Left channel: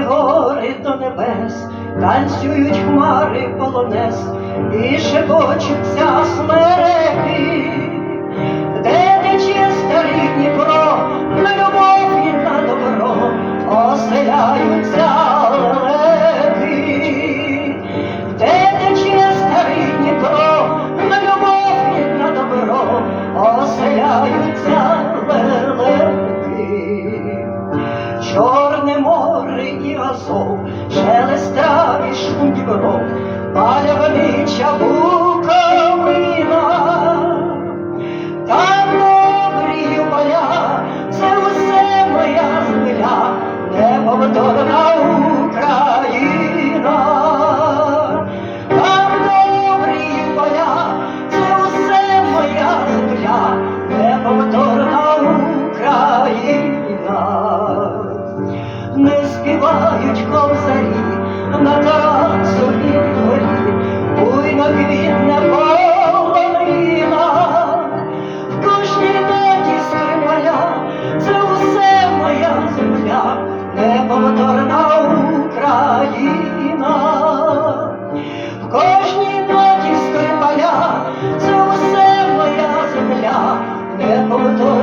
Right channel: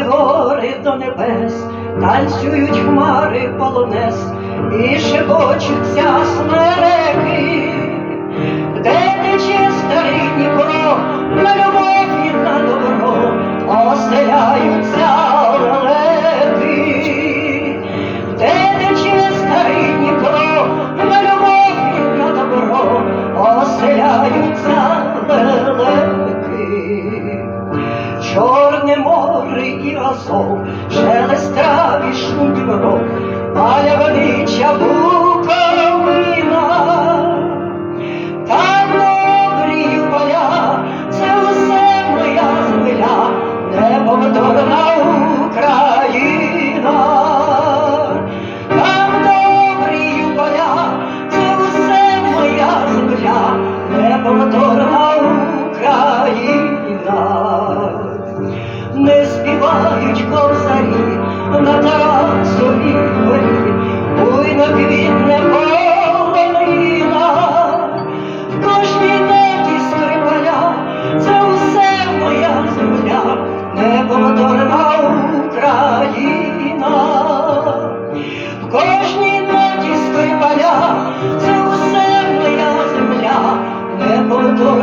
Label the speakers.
Speaker 1: Гори до небес, танцюють хмари полонез і шепочуться смере. голосов, шелест травы, шум дебров. співають косарі, на Тарасовій дворі, ой на квітне полонина, в кожній ноті скрипаля, це усе моя земля, неповторна Україна, в кожній ноті скрипаля, це все моя земля, неповторна.